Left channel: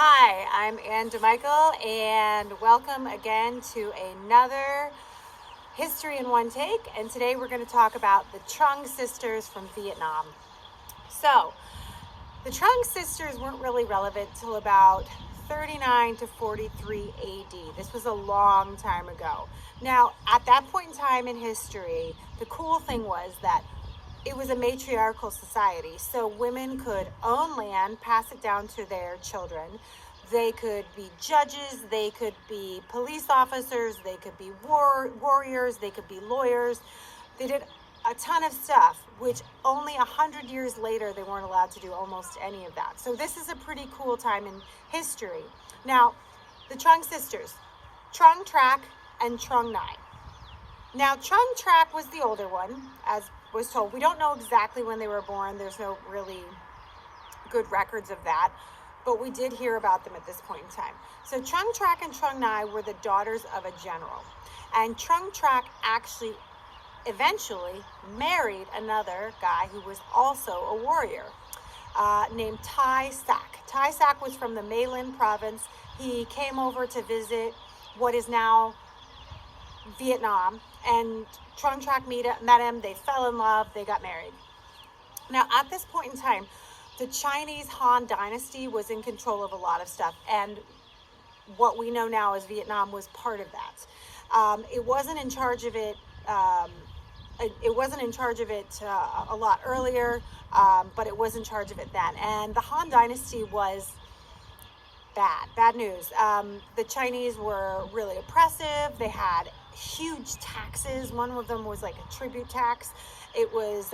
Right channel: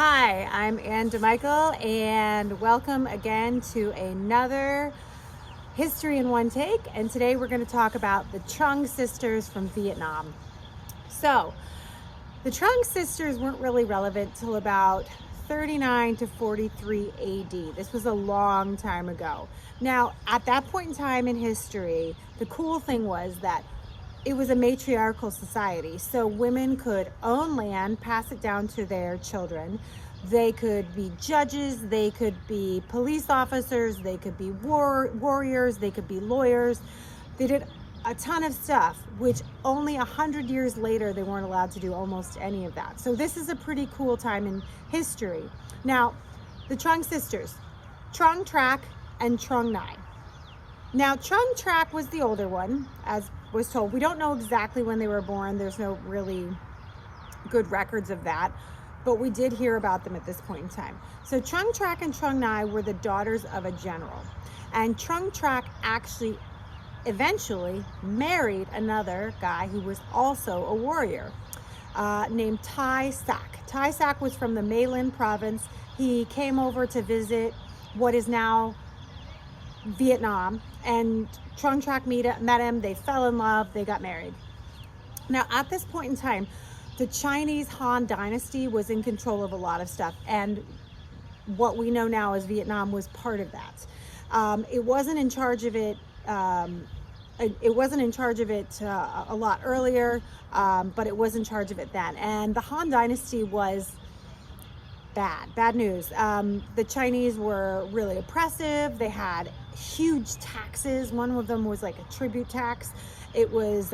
Hi, I'm Ann De Michele, and welcome again to another History in One Take. And today we're going to talk about the Trung sisters from Vietnam. So, the Trung sisters weren't really relevant till about 39 to 43 AD. This was a long time ago. Now, at that point in time in history, the cool thing was that it was a matriarchal society, so women could own land, pass it down to their children. They could be judges, they could be police officers, they could be warriors, they could be lawyers. They did a ton of stuff, which only 100 years later they weren't allowed to do almost any of that. So this is a pretty cool time in history. Now, the Trung sisters, Trung Trac and Trung Nai. Now, Trung Trac was the older one, as was told. We don't know exactly when they were born. There's no really good records of that, but we did hear about them at this point in time. So Trung Trac and Trung Nai were the daughters of a general, and Trung Trac actually eventually married another guy who was also a warrior named Tai Sac. Tai Sac was from the My Linh province. He came over to visit what is now Vietnam, and Trung Trac met him, they fell in love, they got married. Now, at this point in time, the Chinese Han dynasty was in control of a lot of stuff, and what we know now as Vietnam was part of that. It wasn't in charge of it. It wasn't in charge of it a lot earlier, but it was in charge of it then. And the Han dynasty was bad news. The Chinese were really oppressive. They had huge taxes. One of them was like a tribute tax. It was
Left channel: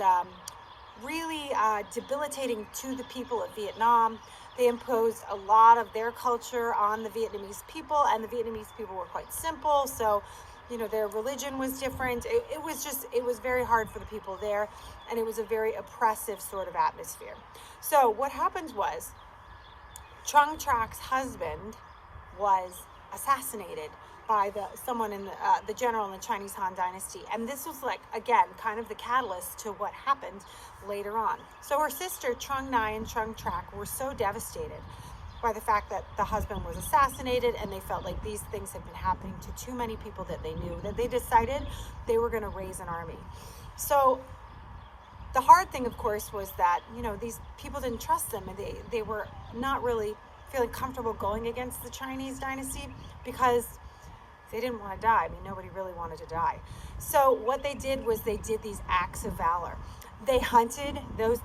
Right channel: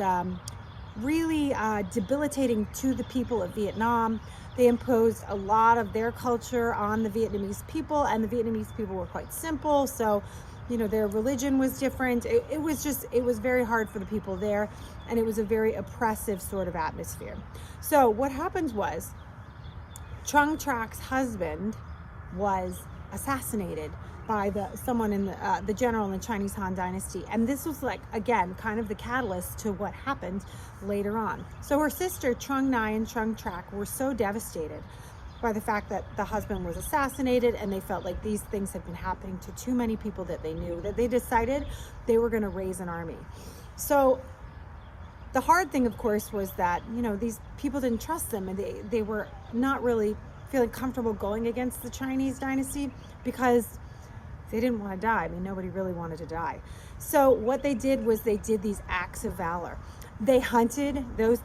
really debilitating to the people of Vietnam. They imposed a lot of their culture on the Vietnamese people, and the Vietnamese people were quite simple. So, you know, their religion was different. It was very hard for the people there, and it was a very oppressive sort of atmosphere. So what happened was, Trung Trac's husband was assassinated by someone in the general in the Chinese Han dynasty, and this was, like, again, kind of the catalyst to what happened later on. So her sister Trung Nai and Trung Trac were so devastated by the fact that the husband was assassinated, and they felt like these things had been happening to too many people that they knew, that they decided they were going to raise an army. So the hard thing, of course, was that, you know, these people didn't trust them, and they were not really feeling comfortable going against the Chinese dynasty because they didn't want to die. I mean, nobody really wanted to die. So what they did was they did these acts of valor. They hunted, those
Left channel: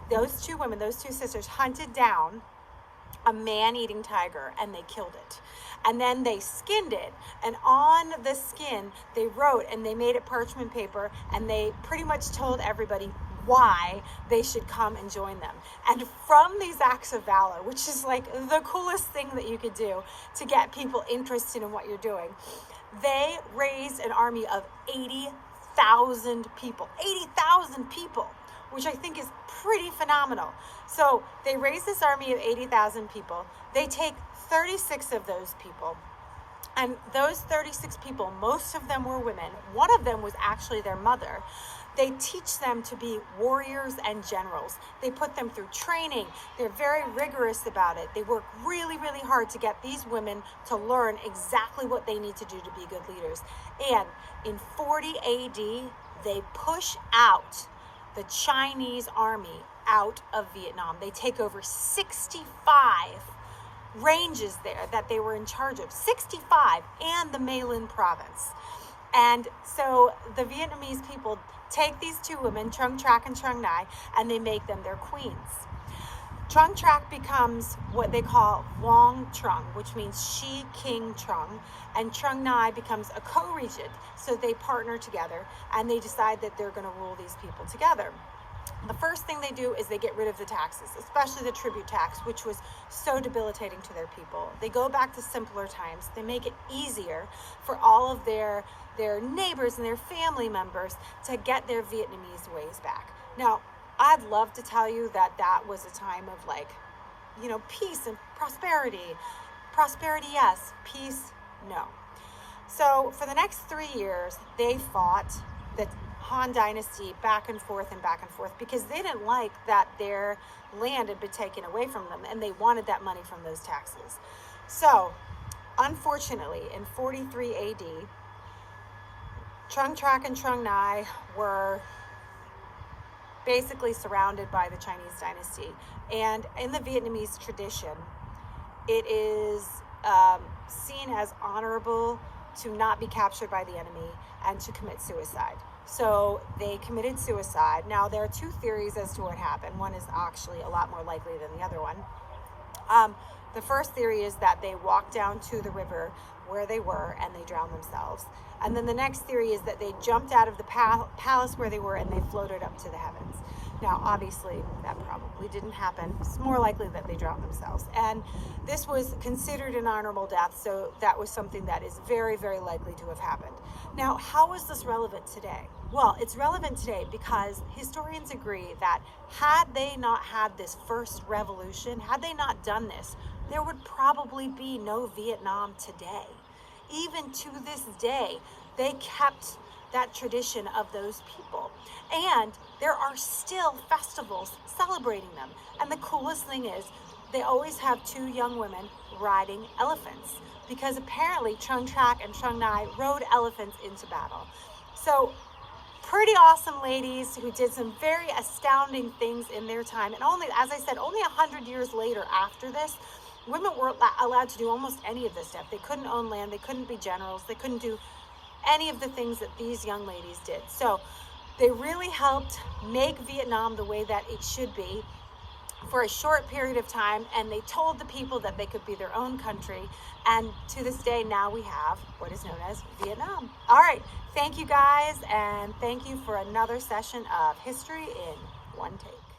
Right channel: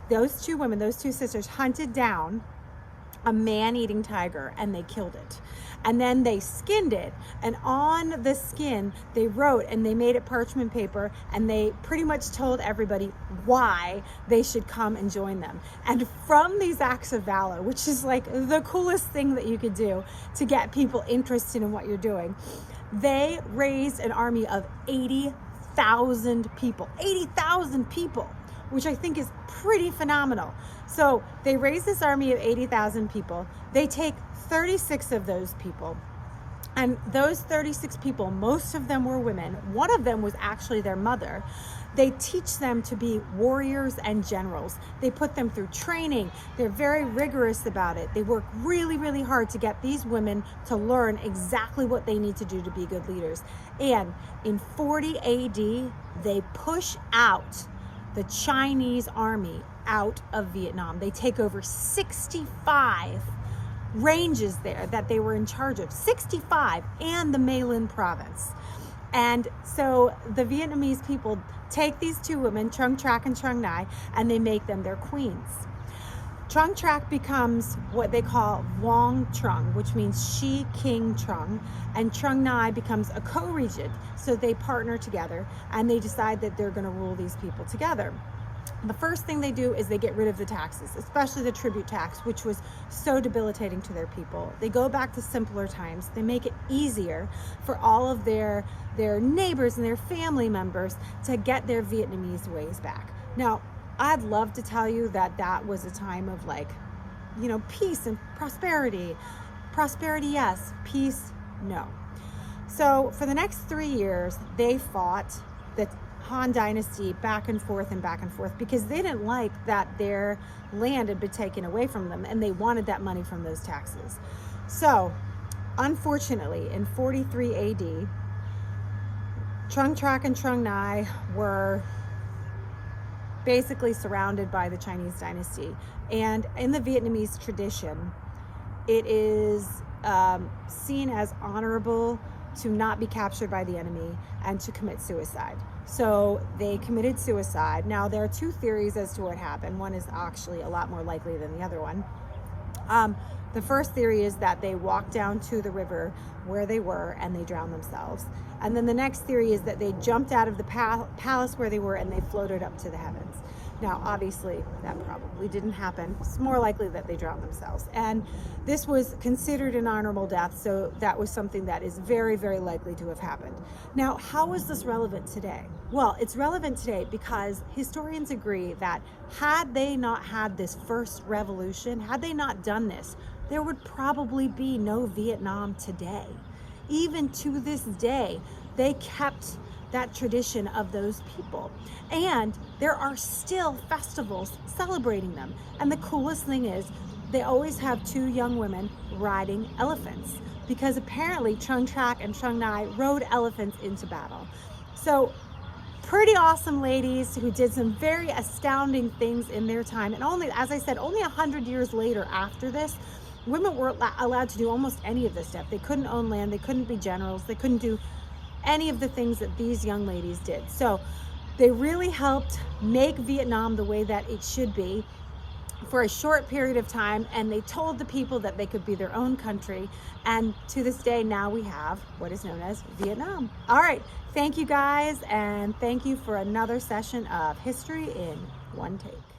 two women, those two sisters, hunted down a man-eating tiger, and they killed it. And then they skinned it, and on the skin they wrote, and they made it parchment paper, and they pretty much told everybody why they should come and join them. And from these acts of valor, which is like the coolest thing that you could do to get people interested in what you're doing, they raised an army of 80,000 people. 80,000 people, which I think is pretty phenomenal. So they raise this army of 80,000 people. They take 36 of those people, and those 36 people, most of them were women. One of them was actually their mother. They teach them to be warriors and generals. They put them through training. They're very rigorous about it. They work really, really hard to get these women to learn exactly what they need to do to be good leaders. And in 40 AD, they push out the Chinese army out of Vietnam. They take over 65 ranges there that they were in charge of, 65, and the My Linh province. And so the Vietnamese people take these two women, Trung Trac and Trung Nai, and they make them their queens. Trung Trac becomes what they call Vuong Trung, which means she King Trung, and Trung Nai becomes a co-regent. So they partner together, and they decide that they're going to rule these people together. The first thing they do is they get rid of the taxes, especially the tribute tax, which was so debilitating to their people. They go back to simpler times. They make it easier for all of their neighbors and their family members to get their Vietnamese ways back. Now, I'd love to tell you that that was a time of, like, you know, peace and prosperity. Prosperity, yes. Peace, no. So for the next 3 years, they fought the Han dynasty back and forth because they didn't like that their land had been taken away from them, and they wanted that money from those taxes. So, unfortunately, in 43 AD, Trung Trac and Trung Nai were basically surrounded by the Chinese dynasty. And in the Vietnamese tradition, it is seen as honorable to not be captured by the enemy and to commit suicide. So they committed suicide. Now, there are two theories as to what happened. One is actually a lot more likely than the other one. The first theory is that they walked down to the river where they were and they drowned themselves. And then the next theory is that they jumped out of the palace where they were and they floated up to the heavens. Now, obviously, that probably didn't happen. It's more likely that they drowned themselves. And this was considered an honorable death, so that was something that is very, very likely to have happened. Now, how is this relevant today? Well, it's relevant today because historians agree that had they not had this first revolution, had they not done this, there would probably be no Vietnam today. Even to this day, they kept that tradition of those people. And there are still festivals celebrating them. And the coolest thing is they always have two young women riding elephants, because apparently Trung Trac and Trung Nai rode elephants into battle. So pretty awesome ladies who did some very astounding things in their time. And only, as I said, only 100 years later after this, women weren't allowed to do almost any of this stuff. They couldn't own land, they couldn't be generals, they couldn't do any of the things that these young ladies did. So they really helped make Vietnam the way that it should be for a short period of time, and they told the people that they could be their own country. And to this day, now we have what is known as Vietnam. All right, thank you guys, and thank you for another session of History in One Take.